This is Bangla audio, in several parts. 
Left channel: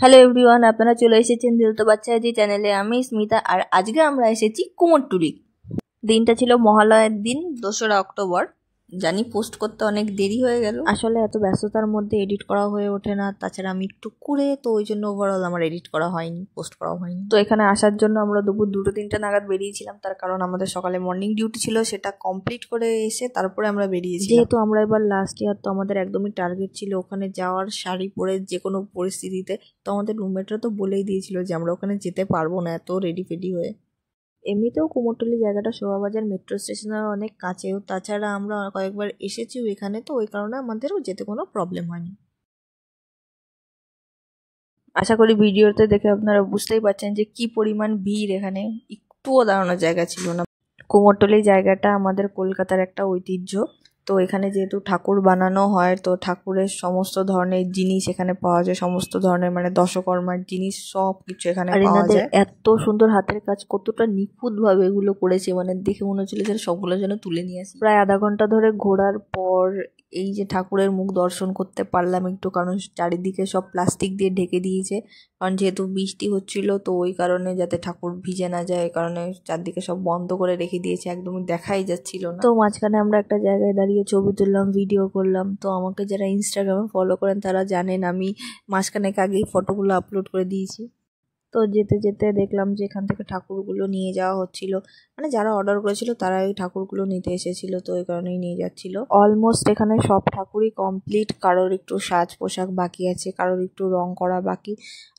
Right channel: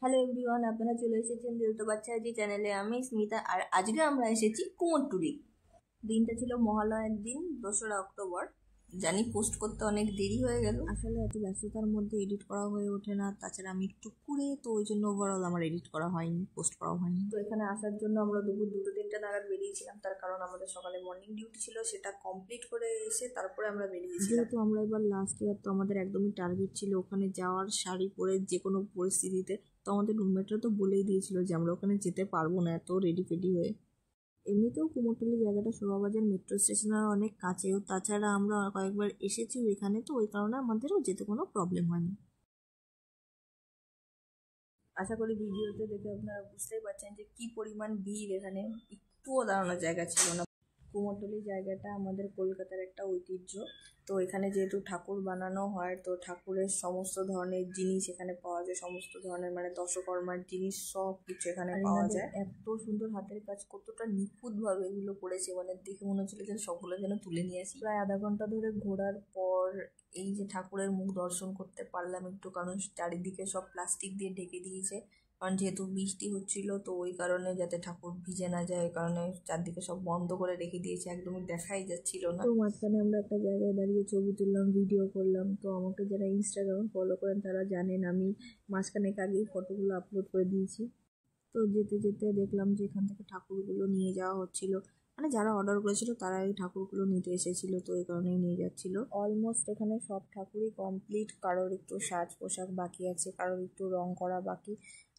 হ্যালো এভরিওয়ান, আপনারা চলে এসেছেন দিল তো বাচ্চা জি চ্যানেলে। আমি স্মিতা, আর আজকে আমরা এসেছি কুমোরটুলি। দিনটা ছিল মহালয়ার দিন, 2রা অক্টোবর। জানি পোস্ট করতে অনেক দেরি হয়ে গেল, আসলে এত ব্যস্ততার মধ্যে এডিট করা হয়ে ওঠে না। তাছাড়া আমি একটু কুড়ে, তো ওই জন্য ওভারঅল আমার এডিট করা হয়নি, পোস্ট করা হয়নি। তো এখানে আসার জন্য আমরা দুপুর 2-3টে নাগাদ বেরিয়েছিলাম, তার কারণ আমাদের সকালে মর্নিং ডিউটি ছিল, সেটা কমপ্লিট করে এসে তারপরে আমরা বেরিয়েছি। যেহেতু আমরা এবার লাস্ট ইয়ার, তো আমাদের একদমই টার্গেট ছিল ওখানে যাওয়ার, শাড়ি পরে যে কোনো পরিস্থিতিতে। তো আমাদের রুমমেটরা তো বলেই দিয়েছিল যে আমরা ওখানে যেতে পারবো না এত রেডি ফেডি হয়ে। এমনিতেও কুমোরটুলি জায়গাটা শোভাবাজার মেট্রো স্টেশনের অনেক কাছেও, তাছাড়া আমরা কয়েকবার এসেছিও এখানে, তো ওই কারণে আমাদেরও যেতে কোনো প্রবলেম হয়নি। আশা করি ভিডিওতে দেখে আপনারা বুঝতেই পারছেন যে কি পরিমাণ ভিড় এখানে, একটুও দাঁড়ানোর জায়গা ছিল না। কুমোরটুলি জায়গাটা আমাদের কলকাতার একটা ঐতিহ্য। তো এখানে যেহেতু ঠাকুর বানানো হয়, তো ঠাকুরের সমস্ত ধরনের জিনিস এখানে পাওয়া যায়, সমস্ত ধরনের মানে দশকর্মার জিনিস সব কিছু এখানে পাওয়া যায়। এত সুন্দর হাতের কাজ, কতটা নিখুঁত ভাবে এগুলো করেছে, মানে দেখে মনে হচ্ছিল যে সবগুলো যেন তুলে নিয়ে আসি। প্রায় আধা ঘন্টা ধরে ঘোরার পর এই যে ঠাকুরের মুখ দর্শন করতে পারলাম একটু, কারণ চারিদিকে সব প্লাস্টিক দিয়ে ঢেকে দিয়েছে, কারণ যেহেতু বৃষ্টি হচ্ছিল, তো ওই কারণে যাতে ঠাকুর ভিজে না যায়, এই কারণে চারদিকে সব বন্ধ করে রেখে দিয়েছে, একদমই দেখাই যাচ্ছিল না। তো মাঝখানে আমরা একটা জায়গায় দাঁড়িয়ে ছবি তুললাম, ভিডিও করলাম। তো আমাকে যারা ইনস্টাগ্রামে ফলো করেন তারা জানেন আমি মাঝখানে আগেই ফটোগুলো আপলোড করে দিয়েছি। তো যেতে যেতে দেখলাম যে এখান থেকে ঠাকুরগুলো নিয়ে যাওয়া হচ্ছিল, মানে যারা অর্ডার করেছিল তারা এই ঠাকুরগুলো নিতে এসেছিল, তো ওই কারণেই নিয়ে যাচ্ছিল। অলমোস্ট এখানে সব ঠাকুরই কমপ্লিট, কারোর একটু সাজ পোশাক বাকি আছে, কারোর একটু রং করা বাকি,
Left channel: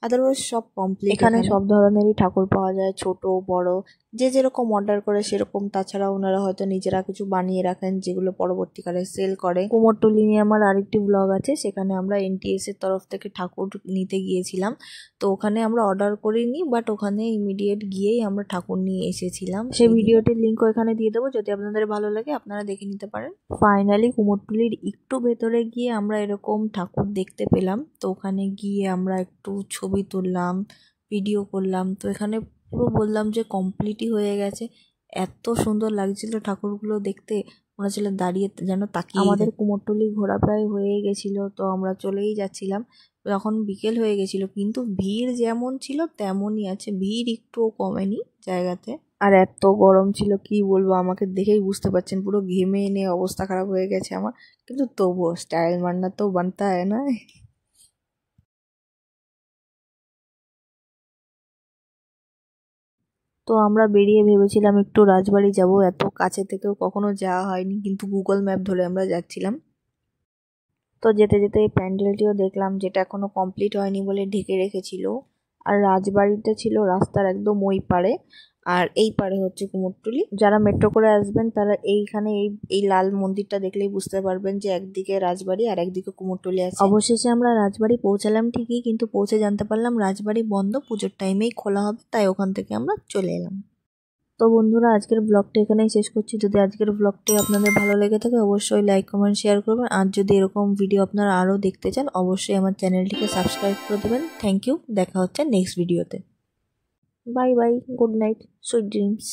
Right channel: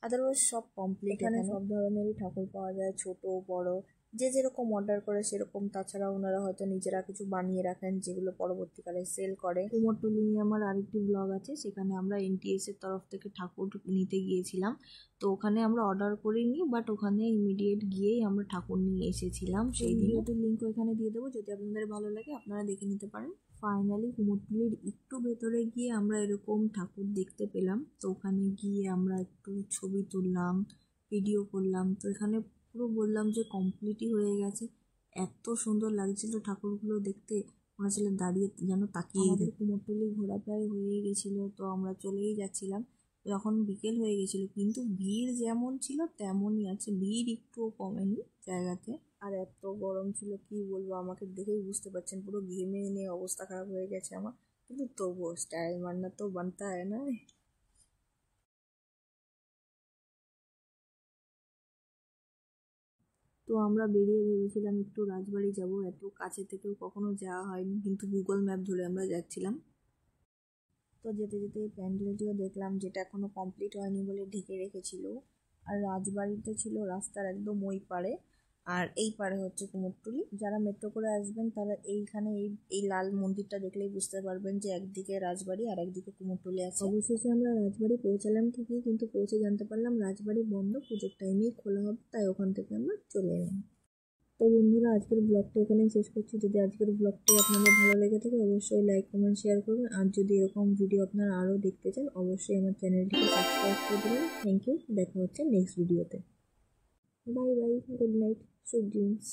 আদারওয়াইজ সব কমপ্লিট। এখানে সব ধরনেরই ঠাকুর পাওয়া যায়, ছোট বড়, যে যেরকম অর্ডার করে সেরকম। তাছাড়া ওনারা হয়তো নিজেরা কিছু বানিয়ে রাখেন, যেগুলো পরবর্তীকালে সেল করে। কুমোরটুলি নিয়ে আমার আরেকটি ব্লগ আছে, সেখানে আমরা এনটিএস এর তরফ থেকে ঠাকুর নিতে গিয়েছিলাম। তো ওখানে আমরা অর্ডার করিনি, বাট ওখানে ইমিডিয়েট গিয়েই আমরা ঠাকুর নিয়ে এসেছিলাম। সেই ভিডিওটির লিঙ্কও এখানে দিয়ে দেবো, যদি আপনাদের ভালো লাগে আপনারা দেখে নিতে পারেন। ফাইনালি কুমোরটুলির একটু ভেতরে গিয়ে আমরা এরকম ঠাকুর দেখতে পেলাম। তো ওখানে গিয়ে আমরা একটু ছবি তুললাম, ভিডিও করলাম। তো এখানে পুরো বললাম যে কমপ্লিটই হয়ে গেছে, এত সুন্দর লাগছিল ঠাকুরগুলো দেখতে, মনে হচ্ছিল দাঁড়িয়ে যেন তাকিয়ে। আমাদের কুমোরটুলি ঘোরা প্রায় হয়ে গেছিলো, তো আমরা চলেই যাচ্ছিলাম। তখন বিকেল হয়ে গেছিল, কিন্তু ভিড় যেমন ছিল তেমনই আছে, ভিড় একটুও কমেনি জায়গাতে। আর এত গরম ছিল কি বলবো, আমাকে দেখেই বুঝতে পারছেন পুরো ঘেমে এনে অবস্থা খারাপ হয়ে গেছে আমার, কিন্তু তবুও স্টাইল মারনা তো বানতা হয় না। তো আমরা বেরিয়ে ভেবেছিলাম একটু রাজবাড়ি যাব, এত কাছে থেকেও কখনো যাওয়া হয়নি, কিন্তু গুগল ম্যাপ ধরে আমরা যাচ্ছিলাম। তো যেতে যেতে এই প্যান্ডেলটিও দেখলাম, যেটা এখনো কমপ্লিট হয়নি বলে ঢেকে রেখেছিল। আর রাজবাড়িটা ছিল রাস্তার একদম ওই পারে, আর এই পারে হচ্ছে কুমোরটুলি। যারা মেট্রো করে আসবেন তারা এইখানে এই লাল মন্দিরটা দেখলেই বুঝতে পারবেন যে একদিকে রাজবাড়ি আর একদিকে কুমোরটুলি আছে। অবশেষে আমরা রাজবাড়ি পৌঁছালাম ঠিকই, কিন্তু পৌঁছে জানতে পারলাম রাজবাড়ি বন্ধ, পুজোর টাইমেই খোলা হবে, তাই ওখান থেকে আমরা চলে এলাম। তো বন্ধুরা, আজকের ব্লগটা এখানেই শেষ করছি। যদি আজকের ব্লগটি আপনাদের ভালো লেগে থাকে অবশ্যই লাইক কমেন্ট শেয়ার করবেন, আর যদি এরকম ভিডিও আপনারা আরও দেখতে চান অবশ্যই আমার চ্যানেলটিকে সাবস্ক্রাইব করে দেবেন। থ্যাংক ইউ, দেখা হচ্ছে নেক্সট ভিডিওতে। Bye bye, good night, sweet dreams.